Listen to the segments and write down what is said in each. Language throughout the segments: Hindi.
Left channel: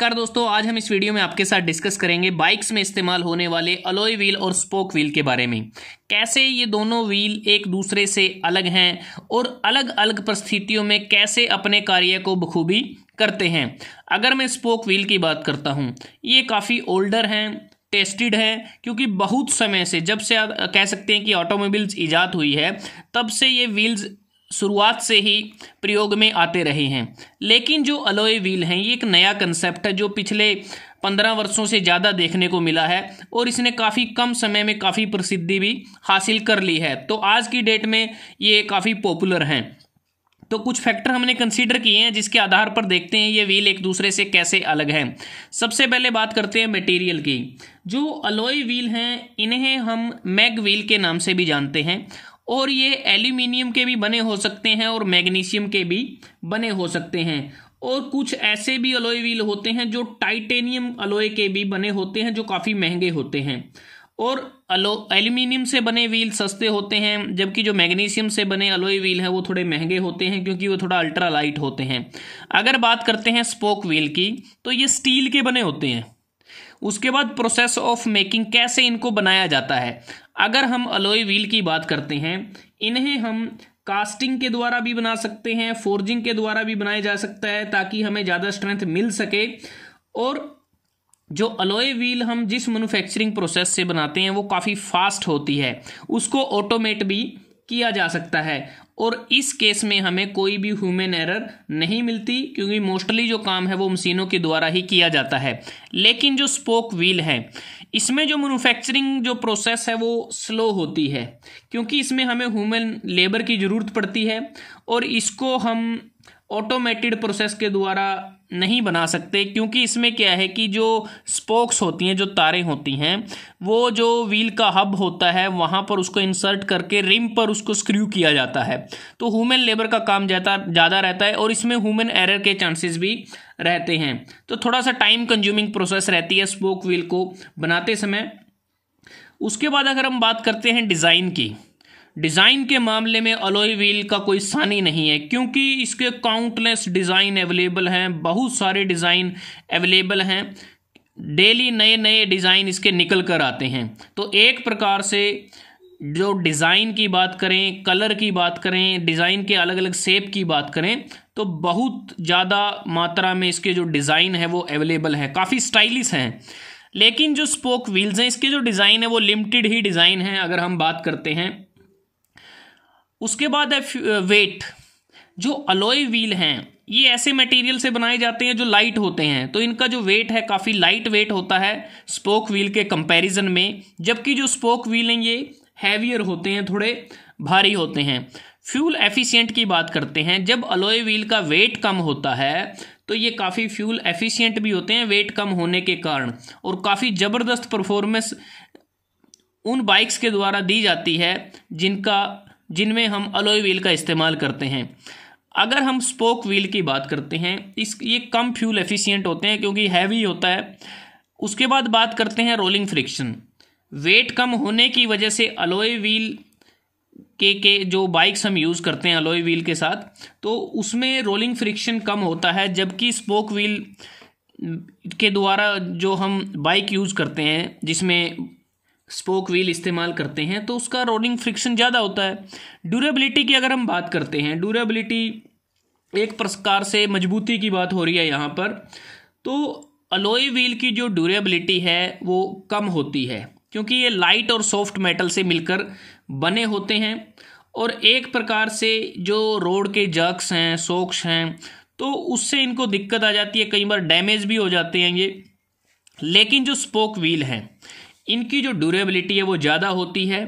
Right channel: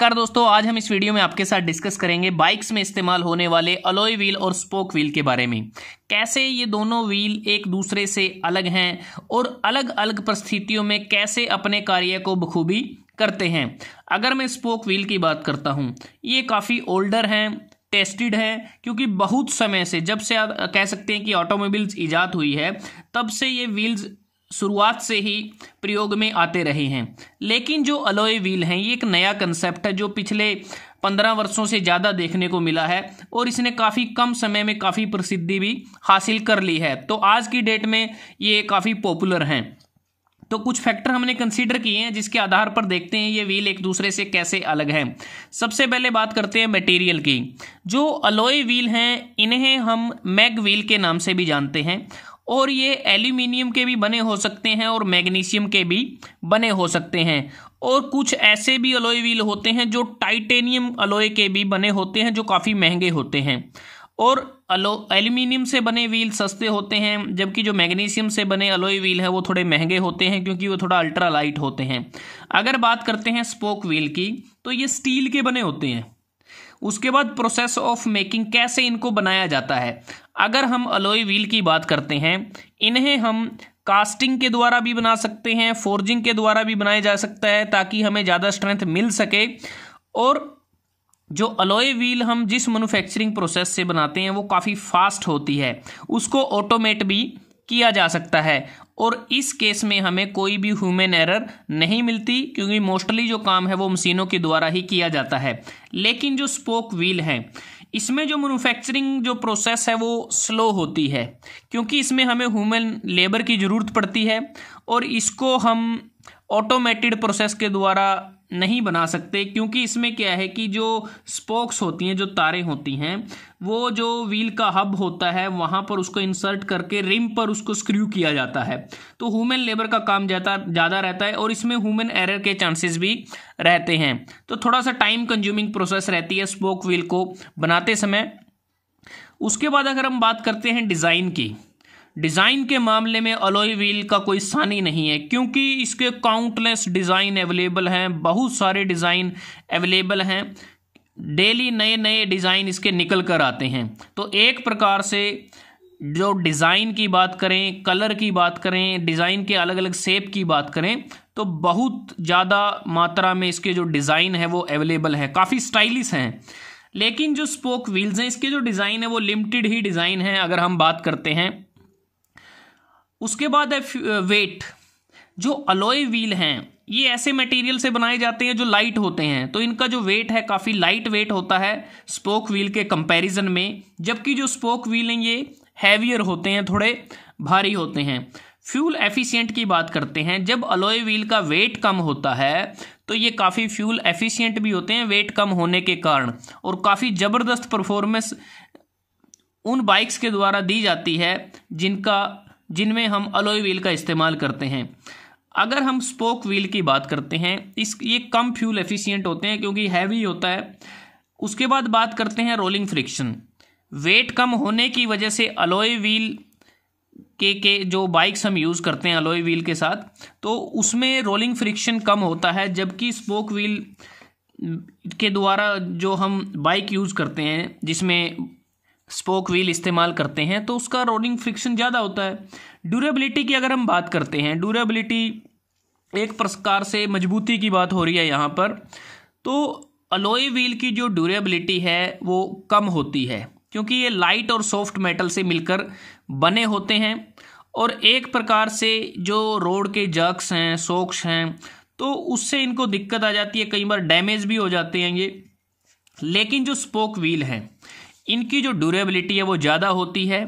नमस्कार दोस्तों, आज हम इस वीडियो में आपके साथ डिस्कस करेंगे बाइक्स में इस्तेमाल होने वाले अलॉय व्हील और स्पोक व्हील के बारे में। कैसे ये दोनों व्हील एक दूसरे से अलग हैं और अलग अलग परिस्थितियों में कैसे अपने कार्य को बखूबी करते हैं। अगर मैं स्पोक व्हील की बात करता हूँ, ये काफ़ी ओल्डर हैं, टेस्टेड है, क्योंकि बहुत समय से, जब से आप कह सकते हैं कि ऑटोमोबाइल्स ईजाद हुई है, तब से ये व्हील्स शुरुआत से ही प्रयोग में आते रहे हैं। लेकिन जो अलॉय व्हील हैं, ये एक नया कंसेप्ट है जो पिछले 15 वर्षों से ज़्यादा देखने को मिला है और इसने काफ़ी कम समय में काफ़ी प्रसिद्धि भी हासिल कर ली है। तो आज की डेट में ये काफ़ी पॉपुलर हैं। तो कुछ फैक्टर हमने कंसीडर किए हैं जिसके आधार पर देखते हैं ये व्हील एक दूसरे से कैसे अलग हैं। सबसे पहले बात करते हैं मटेरियल की। जो अलॉय व्हील हैं, इन्हें हम मैग व्हील के नाम से भी जानते हैं और ये एल्यूमिनियम के भी बने हो सकते हैं और मैग्नीशियम के भी बने हो सकते हैं। और कुछ ऐसे भी अलॉय व्हील होते हैं जो टाइटेनियम अलॉय के भी बने होते हैं, जो काफ़ी महंगे होते हैं। और एल्यूमिनियम से बने व्हील सस्ते होते हैं, जबकि जो मैग्नीशियम से बने अलॉय व्हील हैं वो थोड़े महंगे होते हैं क्योंकि वो थोड़ा अल्ट्रा लाइट होते हैं। अगर बात करते हैं स्पोक व्हील की, तो ये स्टील के बने होते हैं। उसके बाद प्रोसेस ऑफ मेकिंग, कैसे इनको बनाया जाता है। अगर हम अलॉय व्हील की बात करते हैं, इन्हें हम कास्टिंग के द्वारा भी बना सकते हैं, फोर्जिंग के द्वारा भी बनाया जा सकता है ताकि हमें ज़्यादा स्ट्रेंथ मिल सके। और जो अलॉय व्हील हम जिस मैन्युफैक्चरिंग प्रोसेस से बनाते हैं वो काफ़ी फास्ट होती है, उसको ऑटोमेट भी किया जा सकता है और इस केस में हमें कोई भी ह्यूमन एरर नहीं मिलती क्योंकि मोस्टली जो काम है वो मशीनों के द्वारा ही किया जाता है। लेकिन जो स्पोक व्हील है, इसमें जो मैन्युफैक्चरिंग जो प्रोसेस है वो स्लो होती है क्योंकि इसमें हमें ह्यूमन लेबर की ज़रूरत पड़ती है और इसको हम ऑटोमेटेड प्रोसेस के द्वारा नहीं बना सकते क्योंकि इसमें क्या है कि जो स्पोक्स होती हैं, जो तारें होती हैं, वो जो व्हील का हब होता है वहाँ पर उसको इंसर्ट करके रिम पर उसको स्क्रू किया जाता है। तो ह्यूमन लेबर का काम ज़्यादा रहता है और इसमें ह्यूमन एरर के चांसेस भी रहते हैं। तो थोड़ा सा टाइम कंज्यूमिंग प्रोसेस रहती है स्पोक व्हील को बनाते समय। उसके बाद अगर हम बात करते हैं डिज़ाइन की, डिज़ाइन के मामले में अलॉय व्हील का कोई सानी नहीं है क्योंकि इसके काउंटलेस डिज़ाइन अवेलेबल हैं, बहुत सारे डिज़ाइन अवेलेबल हैं, डेली नए नए डिज़ाइन इसके निकल कर आते हैं। तो एक प्रकार से जो डिज़ाइन की बात करें, कलर की बात करें, डिज़ाइन के अलग अलग शेप की बात करें, तो बहुत ज़्यादा मात्रा में इसके जो डिज़ाइन है वो अवेलेबल हैं, काफ़ी स्टाइलिश हैं। लेकिन जो स्पोक व्हील्स हैं, इसके जो डिज़ाइन है वो लिमिटेड ही डिज़ाइन हैं अगर हम बात करते हैं। उसके बाद है वेट। जो अलॉय व्हील हैं ये ऐसे मटेरियल से बनाए जाते हैं जो लाइट होते हैं, तो इनका जो वेट है काफ़ी लाइट वेट होता है स्पोक व्हील के कंपैरिजन में, जबकि जो स्पोक व्हील हैं ये हैवियर होते हैं, थोड़े भारी होते हैं। फ्यूल एफिशिएंट की बात करते हैं, जब अलॉय व्हील का वेट कम होता है तो ये काफ़ी फ्यूल एफिशिएंट भी होते हैं वेट कम होने के कारण, और काफ़ी ज़बरदस्त परफॉर्मेंस उन बाइक्स के द्वारा दी जाती है जिनमें हम अलॉय व्हील का इस्तेमाल करते हैं। अगर हम स्पोक व्हील की बात करते हैं, ये कम फ्यूल एफिशिएंट होते हैं क्योंकि हैवी होता है। उसके बाद बात करते हैं रोलिंग फ्रिक्शन। वेट कम होने की वजह से अलॉय व्हील के जो बाइक्स हम यूज़ करते हैं अलॉय व्हील के साथ, तो उसमें रोलिंग फ्रिक्शन कम होता है, जबकि स्पोक व्हील के द्वारा जो हम बाइक यूज़ करते हैं जिसमें स्पोक व्हील इस्तेमाल करते हैं तो उसका रोलिंग फ्रिक्शन ज़्यादा होता है। ड्यूरेबिलिटी की अगर हम बात करते हैं, ड्यूरेबिलिटी एक प्रकार से मजबूती की बात हो रही है यहाँ पर, तो अलॉय व्हील की जो ड्यूरेबिलिटी है वो कम होती है क्योंकि ये लाइट और सॉफ्ट मेटल से मिलकर बने होते हैं और एक प्रकार से जो रोड के जर्क्स हैं, शॉक्स हैं, तो उससे इनको दिक्कत आ जाती है, कई बार डैमेज भी हो जाते हैं ये। लेकिन जो स्पोक व्हील हैं इनकी जो ड्यूरेबिलिटी है वो ज़्यादा होती है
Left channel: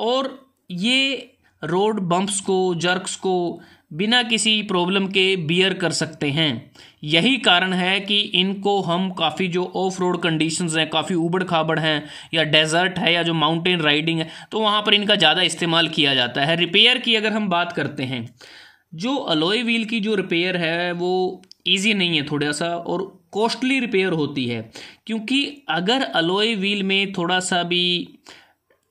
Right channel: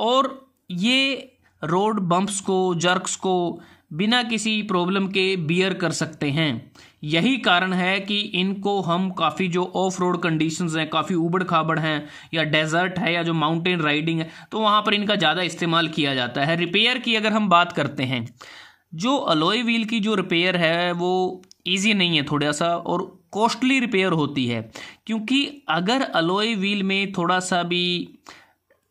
और ये रोड बम्प्स को, जर्क्स को बिना किसी प्रॉब्लम के बियर कर सकते हैं। यही कारण है कि इनको हम काफ़ी जो ऑफ रोड कंडीशंस हैं, काफ़ी ऊबड़ खाबड़ हैं या डेजर्ट है या जो माउंटेन राइडिंग है, तो वहाँ पर इनका ज़्यादा इस्तेमाल किया जाता है। रिपेयर की अगर हम बात करते हैं, जो अलॉय व्हील की जो रिपेयर है वो ईजी नहीं है थोड़ा सा और कॉस्टली रिपेयर होती है क्योंकि अगर अलॉय व्हील में थोड़ा सा भी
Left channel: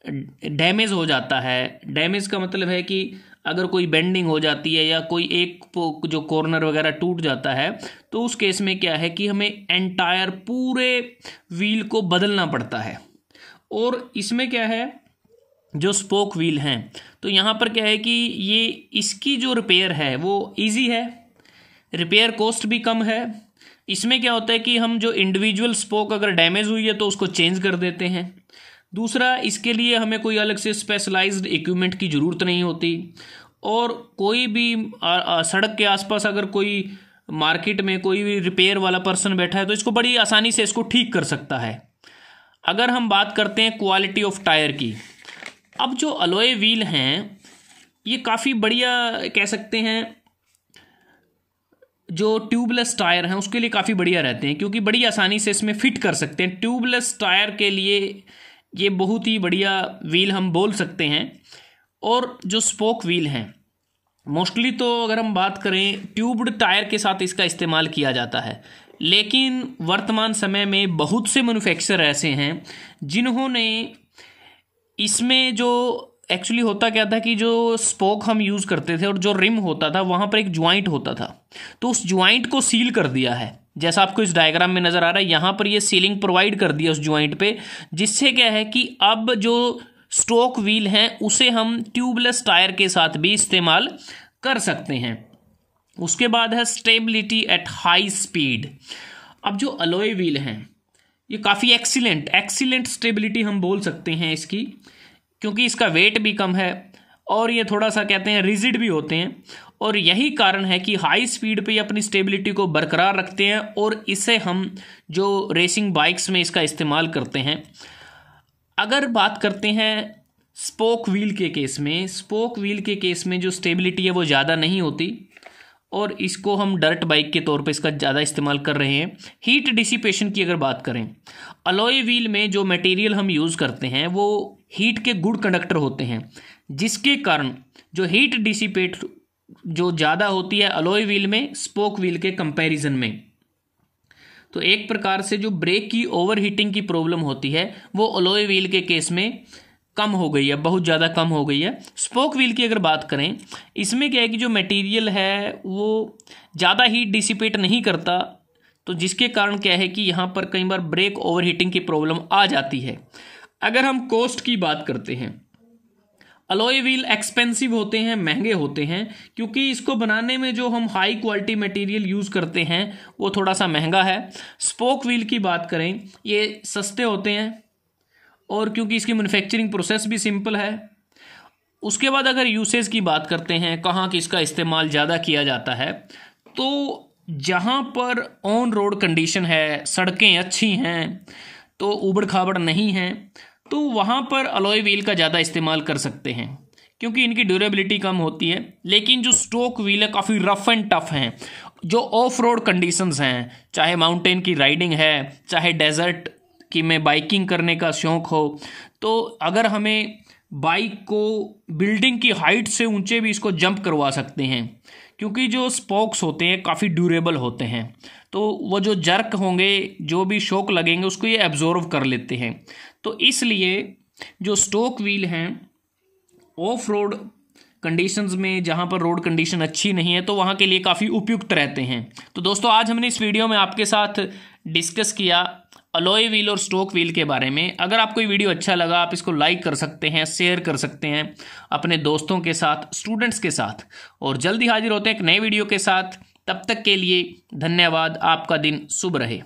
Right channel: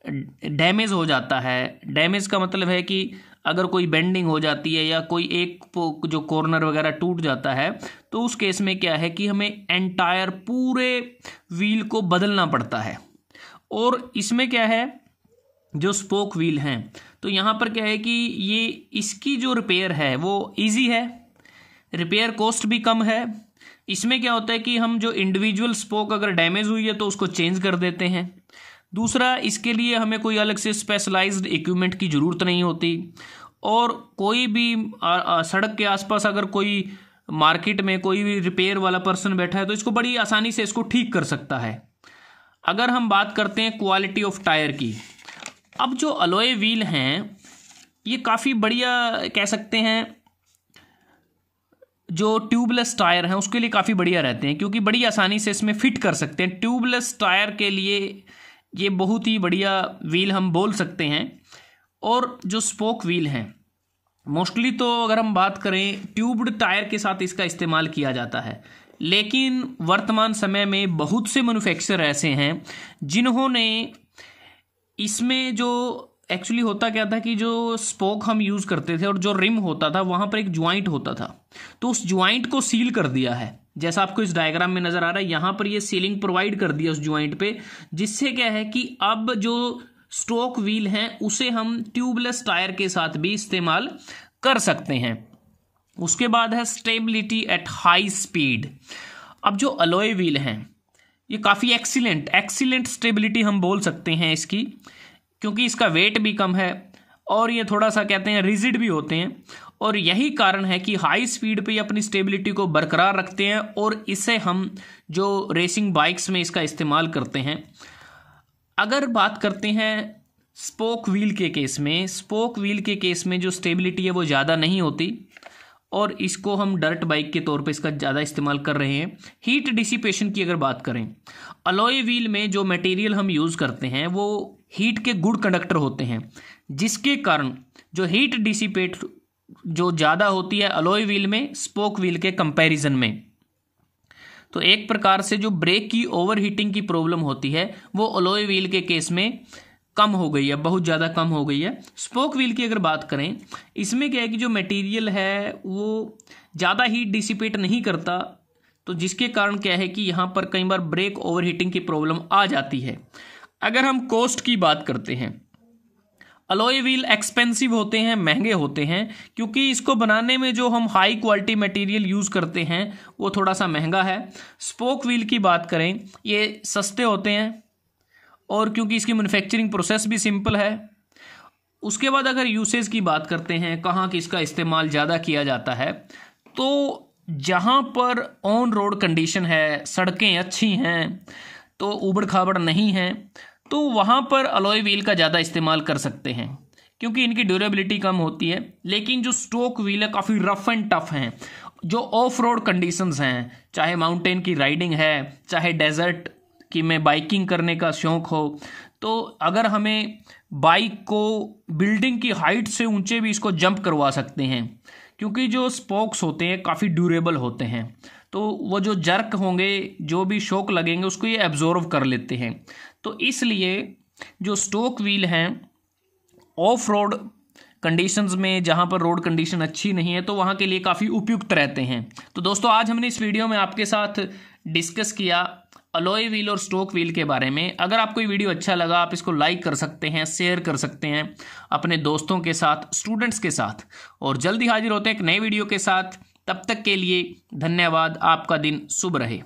डैमेज हो जाता है, डैमेज का मतलब है कि अगर कोई बेंडिंग हो जाती है या कोई एक जो कॉर्नर वगैरह टूट जाता है, तो उस केस में क्या है कि हमें एंटायर पूरे व्हील को बदलना पड़ता है। और इसमें क्या है, जो स्पोक व्हील हैं, तो यहाँ पर क्या है कि ये इसकी जो रिपेयर है वो इजी है, रिपेयर कॉस्ट भी कम है। इसमें क्या होता है कि हम जो इंडिविजुअल स्पोक अगर डैमेज हुई है तो उसको चेंज कर देते हैं। दूसरा, इसके लिए हमें कोई अलग से स्पेशलाइज्ड इक्विपमेंट की ज़रूरत नहीं होती। और कोई भी सड़क के आसपास अगर कोई मार्केट में कोई भी रिपेयर वाला पर्सन बैठा है तो इसको बड़ी आसानी से इसको ठीक कर सकता है। अगर हम बात करते हैं क्वालिटी ऑफ टायर की, अब जो अलॉय व्हील हैं ये काफ़ी बढ़िया कह सकते हैं, जो ट्यूबलेस टायर हैं उसके लिए काफ़ी बढ़िया रहते हैं, क्योंकि बड़ी आसानी से इसमें फिट कर सकते हैं। ट्यूबलेस टायर के लिए ये बहुत ही बढ़िया व्हील हम बोल सकते हैं। और जो स्पोक व्हील हैं मोस्टली तो अगर हम बात करें ट्यूब्ड टायर के साथ इसका इस्तेमाल किया जाता है, लेकिन वर्तमान समय में बहुत से मैन्युफैक्चरर ऐसे हैं जिन्होंने इसमें जो एक्चुअली होता क्या था कि जो स्पोक हम यूज़ करते थे और जो रिम होता था वहाँ पर एक ज्वाइंट होता था, तो उस ज्वाइंट को सील कर दिया है। जैसा आपको इस डायग्राम में नज़र आ रहा है, यहाँ पर ये सीलिंग प्रोवाइड कर दिया उस ज्वाइंट पे, जिससे क्या है कि अब जो स्टोक व्हील हैं उसे हम ट्यूबलेस टायर के साथ भी इस्तेमाल कर सकते हैं। उसके बाद है स्टेबिलिटी एट हाई स्पीड। अब जो अलॉय व्हील हैं ये काफ़ी एक्सीलेंट स्टेबिलिटी हम बोल सकते हैं इसकी, क्योंकि इसका वेट भी कम है और ये थोड़ा सा कहते हैं रिजिड भी होते हैं। और यही कारण है कि हाई स्पीड पे ये अपनी स्टेबिलिटी को बरकरार रखते हैं और इसे हम जो रेसिंग बाइक्स में इसका इस्तेमाल करते हैं। अगर बात करते हैं स्पोक व्हील के केस में, स्पोक व्हील के केस में जो स्टेबिलिटी है वो ज़्यादा नहीं होती और इसको हम डर्ट बाइक के तौर पे इसका ज़्यादा इस्तेमाल कर रहे हैं। हीट डिसिपेशन की अगर बात करें, अलॉय व्हील में जो मटेरियल हम यूज़ करते हैं वो हीट के गुड कंडक्टर होते हैं, जिसके कारण जो हीट डिसिपेट जो ज़्यादा होती है अलॉय व्हील में स्पोक व्हील के कंपैरिजन में। तो एक प्रकार से जो ब्रेक की ओवर हीटिंग की प्रॉब्लम होती है वो अलॉय व्हील के केस में कम हो गई है, बहुत ज़्यादा कम हो गई है। स्पोक व्हील की अगर बात करें, इसमें क्या है कि जो मटेरियल है वो ज़्यादा हीट डिसिपेट नहीं करता, तो जिसके कारण क्या है कि यहाँ पर कई बार ब्रेक ओवर हीटिंग की प्रॉब्लम आ जाती है। अगर हम कॉस्ट की बात करते हैं, अलॉय व्हील एक्सपेंसिव होते हैं, महंगे होते हैं, क्योंकि इसको बनाने में जो हम हाई क्वालिटी मटेरियल यूज़ करते हैं वो थोड़ा सा महंगा है। स्पोक व्हील की बात करें, ये सस्ते होते हैं और क्योंकि इसकी मैन्युफैक्चरिंग प्रोसेस भी सिंपल है। उसके बाद अगर यूसेज की बात करते हैं, कहाँ कि इसका इस्तेमाल ज़्यादा किया जाता है, तो जहाँ पर ऑन रोड कंडीशन है, सड़कें अच्छी हैं, तो ऊबड़ खाबड़ नहीं हैं, तो वहाँ पर अलॉय व्हील का ज़्यादा इस्तेमाल कर सकते हैं, क्योंकि इनकी ड्यूरेबिलिटी कम होती है। लेकिन जो स्टोक व्हील है काफ़ी रफ एंड टफ हैं। जो ऑफ रोड कंडीशंस हैं, चाहे माउंटेन की राइडिंग है, चाहे डेजर्ट की में बाइकिंग करने का शौक़ हो, तो अगर हमें बाइक को बिल्डिंग की हाइट से ऊंचे भी इसको जंप करवा सकते हैं, क्योंकि जो स्पोक्स होते हैं काफ़ी ड्यूरेबल होते हैं, तो वो जो जर्क होंगे, जो भी शॉक लगेंगे उसको ये एब्जॉर्व कर लेते हैं। तो इसलिए जो स्टोक व्हील हैं ऑफ रोड कंडीशंस में, जहाँ पर रोड कंडीशन अच्छी नहीं है, तो वहाँ के लिए काफ़ी उपयुक्त रहते हैं। तो दोस्तों, आज हमने इस वीडियो में आपके साथ डिस्कस किया अलॉय व्हील और स्टोक व्हील के बारे में। अगर आपको ये वीडियो अच्छा लगा, आप इसको लाइक कर सकते हैं, शेयर कर सकते हैं अपने दोस्तों के साथ, स्टूडेंट्स के साथ, और जल्दी हाजिर होते हैं एक नए वीडियो के साथ। तब तक के लिए धन्यवाद। आपका दिन शुभ रहे।